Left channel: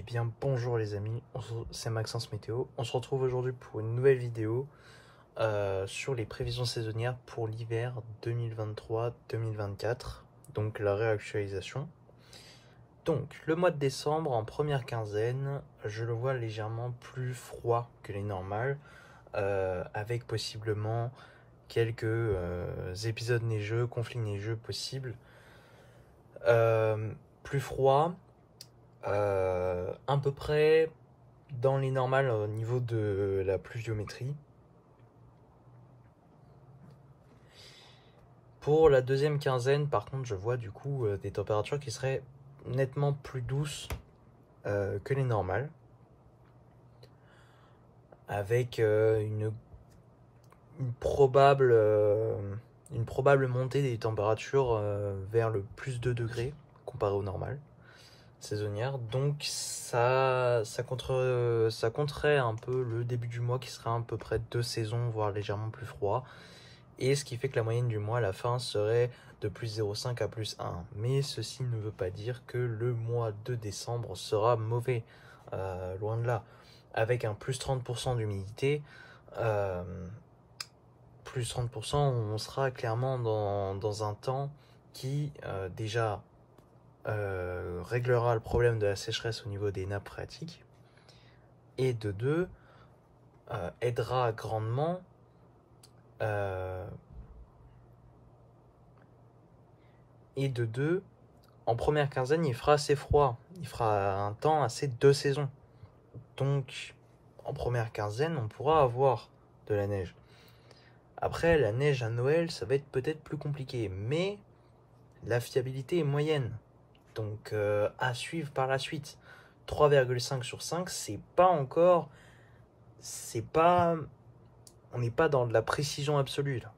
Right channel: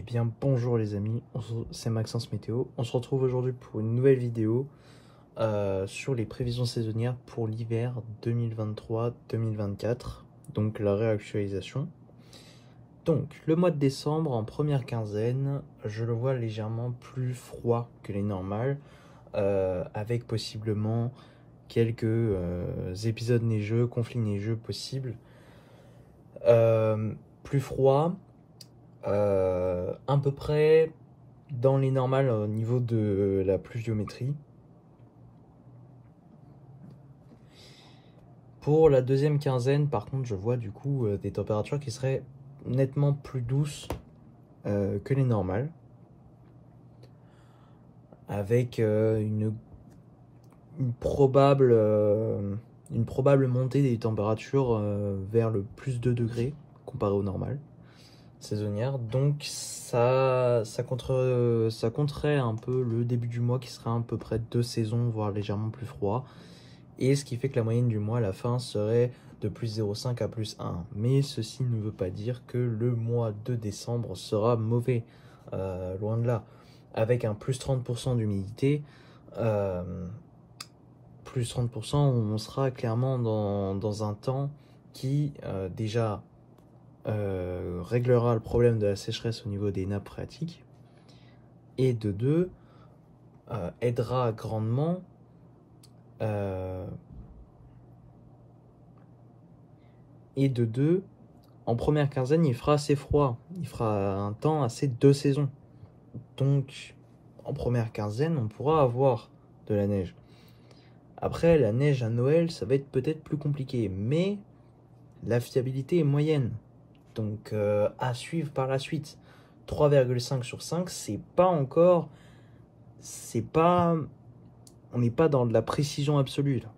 Eh bien bonjour les amis, c'est Maxence Météo. On se retrouve aujourd'hui pour une nouvelle vidéo sur les prévisions saisonnières pour l'hiver 2023-2024, donc la réactualisation. Donc le mois de décembre en première quinzaine, je le vois légèrement plus froid que les normales, avec possiblement quelques épisodes neigeux, conflits neigeux possibles. Plus froid, à peu près dans les normales au niveau de la pluviométrie. Pour la deuxième quinzaine, par contre, je vois du coup des températures qui seraient nettement plus douces que les normales, avec une probable montée des températures vers le plus 2 degrés comparé au normal saisonnière. Donc ça contrerait un peu le début du mois qui serait à peu près 2 saisons, voire légèrement plus froid. Et ce qui fait que la moyenne du mois à la fin serait de plus 0,5 à plus 1. Mais ceci ne veut pas dire que le mois de décembre sera mauvais, loin de là. Avec un plus 30% d'humidité, plus 30%, on sera clairement dans un temps qui déjà réglera le problème de la sécheresse au niveau des nappes phréatiques, et de deux, aidera grandement en première quinzaine, il fera assez froid. Il fera un temps assez de saison. Donc, en première quinzaine, on pourra avoir de la neige. Après, la neige à Noël, ça va être peut-être plus compliqué. Mais la fiabilité est moyenne. Donc, à suivre par la suite. 3,5 sur 5, c'est pas encore... On n'est pas dans de la précision absolue, là.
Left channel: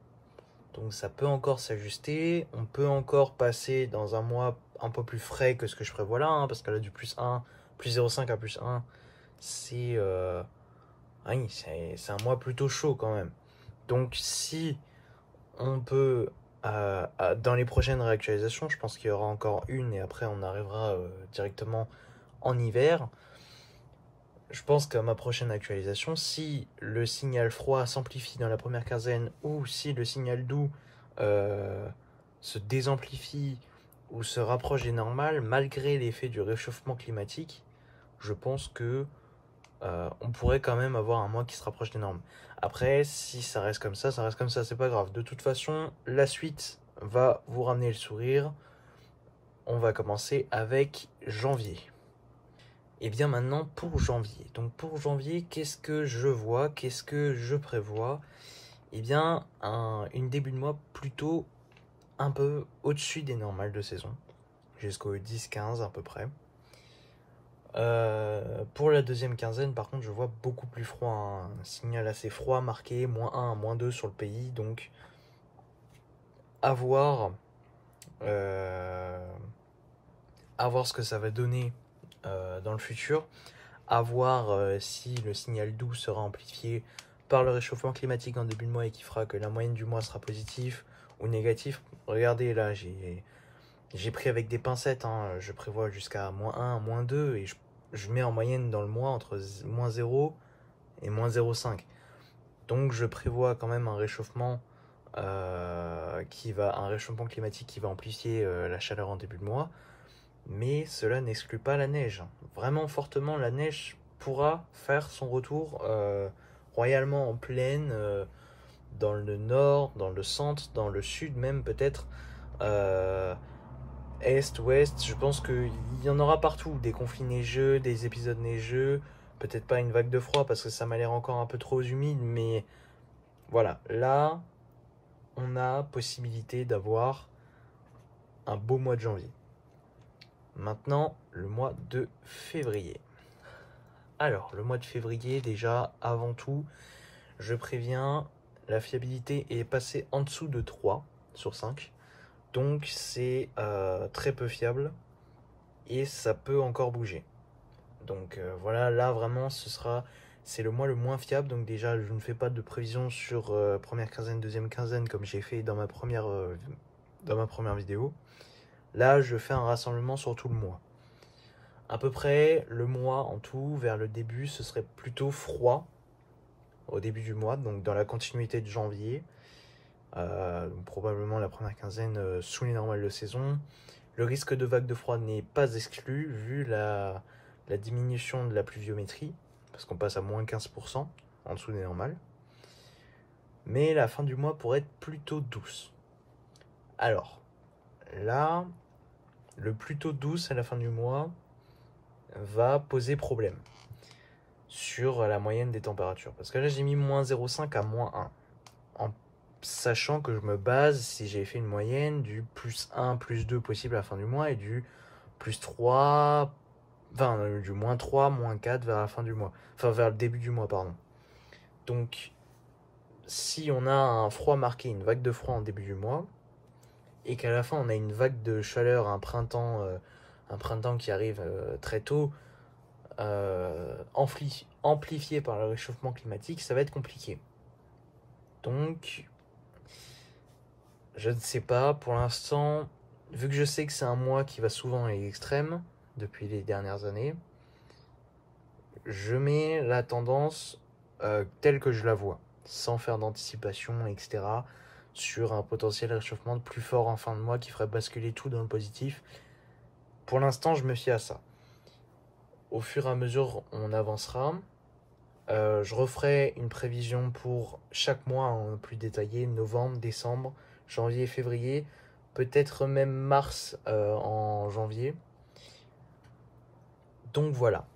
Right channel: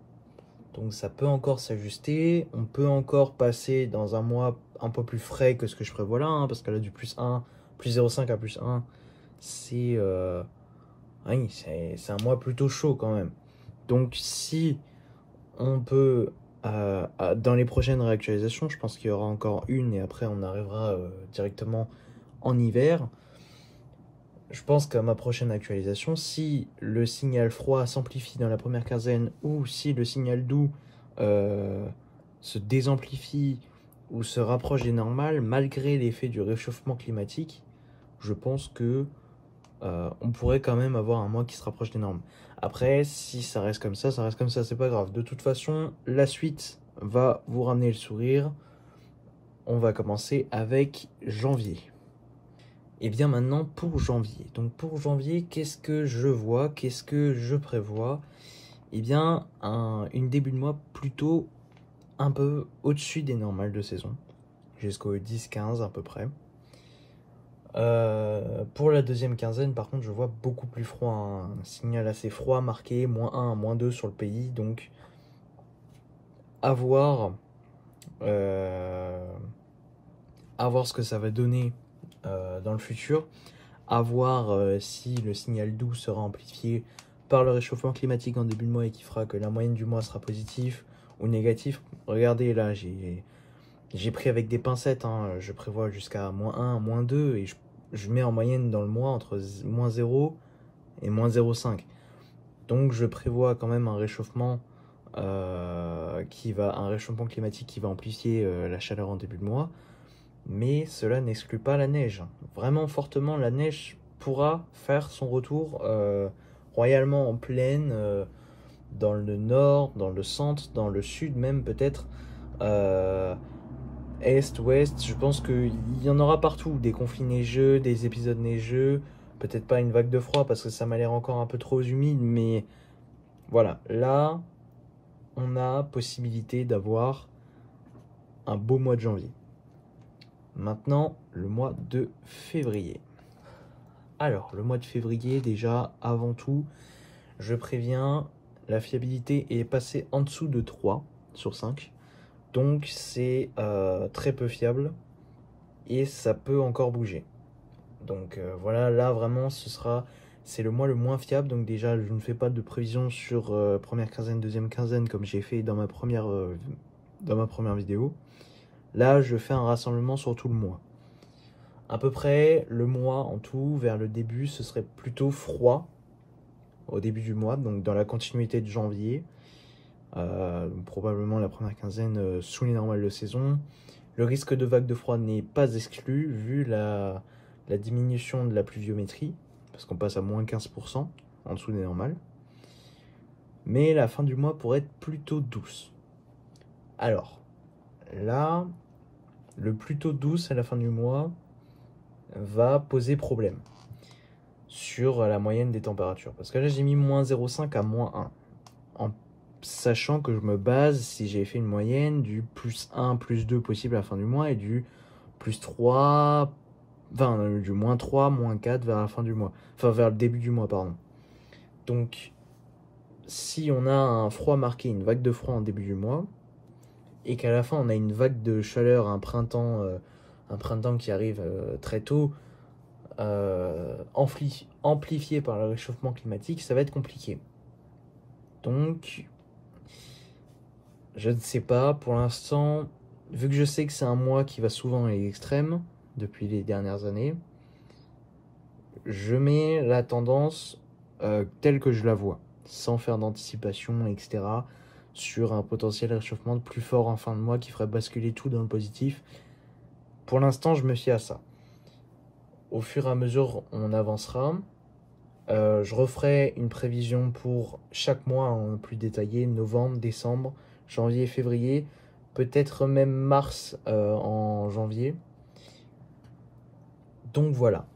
Donc ça peut encore s'ajuster, on peut encore passer dans un mois un peu plus frais que ce que je prévois là, hein, parce que là du plus 1, plus 0,5 à plus 1, c'est oui, c'est un mois plutôt chaud quand même. Donc si on peut, dans les prochaines réactualisations, je pense qu'il y aura encore une et après on arrivera directement en hiver. Je pense qu'à ma prochaine actualisation, si le signal froid s'amplifie dans la première quinzaine ou si le signal doux se désamplifie ou se rapproche des normales, malgré l'effet du réchauffement climatique, je pense que on pourrait quand même avoir un mois qui se rapproche des normes. Après, si ça reste comme ça, c'est pas grave. De toute façon, la suite va vous ramener le sourire. On va commencer avec janvier. Et bien maintenant pour janvier. Donc pour janvier, qu'est-ce que je vois? Qu'est-ce que je prévois? Et bien une début de mois plutôt un peu au-dessus des normales de saison, jusqu'au 10-15 à peu près. Pour la deuxième quinzaine, par contre, je vois beaucoup plus froid, hein. Un signal assez froid marqué, -1 à -2 sur le pays. Donc à voir ce que ça va donner dans le futur. À voir si le signal doux sera amplifié par le réchauffement climatique en début de mois et qui fera que la moyenne du mois sera positive ou négatif. Regardez là, j'ai pris avec des pincettes, hein. Je prévois jusqu'à -1, -2 et je mets en moyenne dans le mois entre -0 et -0,5. Donc je prévois quand même un réchauffement climatique qui va amplifier la chaleur en début de mois. Mais cela n'exclut pas la neige. Vraiment fortement, la neige pourra faire son retour royalement en plaine, dans le nord, dans le centre, dans le sud même peut-être, est, ouest. Je pense qu'il y en aura partout, des conflits neigeux, des épisodes neigeux, peut-être pas une vague de froid parce que ça m'a l'air encore un peu trop humide, mais voilà, là on a possibilité d'avoir un beau mois de janvier. Maintenant, le mois de février. Alors, le mois de février, déjà, avant tout, je préviens, la fiabilité est passée en dessous de 3 sur 5. Donc, c'est très peu fiable et ça peut encore bouger. Donc, voilà, là, vraiment, c'est le mois le moins fiable. Donc, déjà, je ne fais pas de prévision sur première quinzaine, deuxième quinzaine, comme j'ai fait dans ma première vidéo. Là, je fais un rassemblement sur tout le mois. À peu près le mois en tout, vers le début, ce serait plutôt froid au début du mois, donc dans la continuité de janvier. Probablement la première quinzaine sous les normales de saison. Le risque de vague de froid n'est pas exclu vu la diminution de la pluviométrie, parce qu'on passe à moins 15% en dessous des normales. Mais la fin du mois pourrait être plutôt douce. Alors, là, le plutôt douce à la fin du mois va poser problème sur la moyenne des températures. Parce que là, j'ai mis moins 0,5 à moins 1. En sachant que je me base, si j'ai fait une moyenne, du plus 1, plus 2 possible à la fin du mois et du plus 3, enfin du moins 3, moins 4 vers la fin du mois. Enfin vers le début du mois, pardon. Donc, si on a un froid marqué, une vague de froid en début du mois, et qu'à la fin on a une vague de chaleur, un printemps qui arrive très tôt, amplifié par le réchauffement climatique, ça va être compliqué. Donc, je ne sais pas, pour l'instant, vu que je sais que c'est un mois qui va souvent dans les extrêmes, depuis les dernières années, je mets la tendance telle que je la vois, sans faire d'anticipation, etc., sur un potentiel réchauffement plus fort en fin de mois qui ferait basculer tout dans le positif. Pour l'instant, je me fie à ça. Au fur et à mesure, on avancera. Je referai une prévision pour chaque mois en plus détaillé, novembre, décembre, janvier, février, peut-être même mars en janvier. Donc voilà,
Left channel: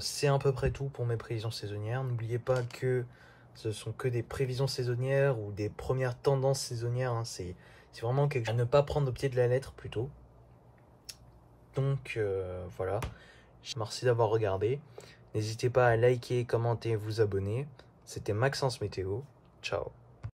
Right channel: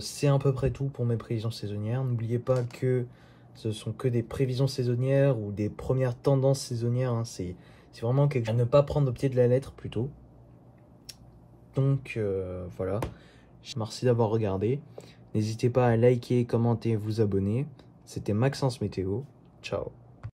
c'est à peu près tout pour mes prévisions saisonnières. N'oubliez pas que ce sont que des prévisions saisonnières ou des premières tendances saisonnières, hein. C'est vraiment quelque chose à ne pas prendre au pied de la lettre plutôt. Donc voilà, merci d'avoir regardé. N'hésitez pas à liker, commenter, vous abonner. C'était Maxence Météo. Ciao.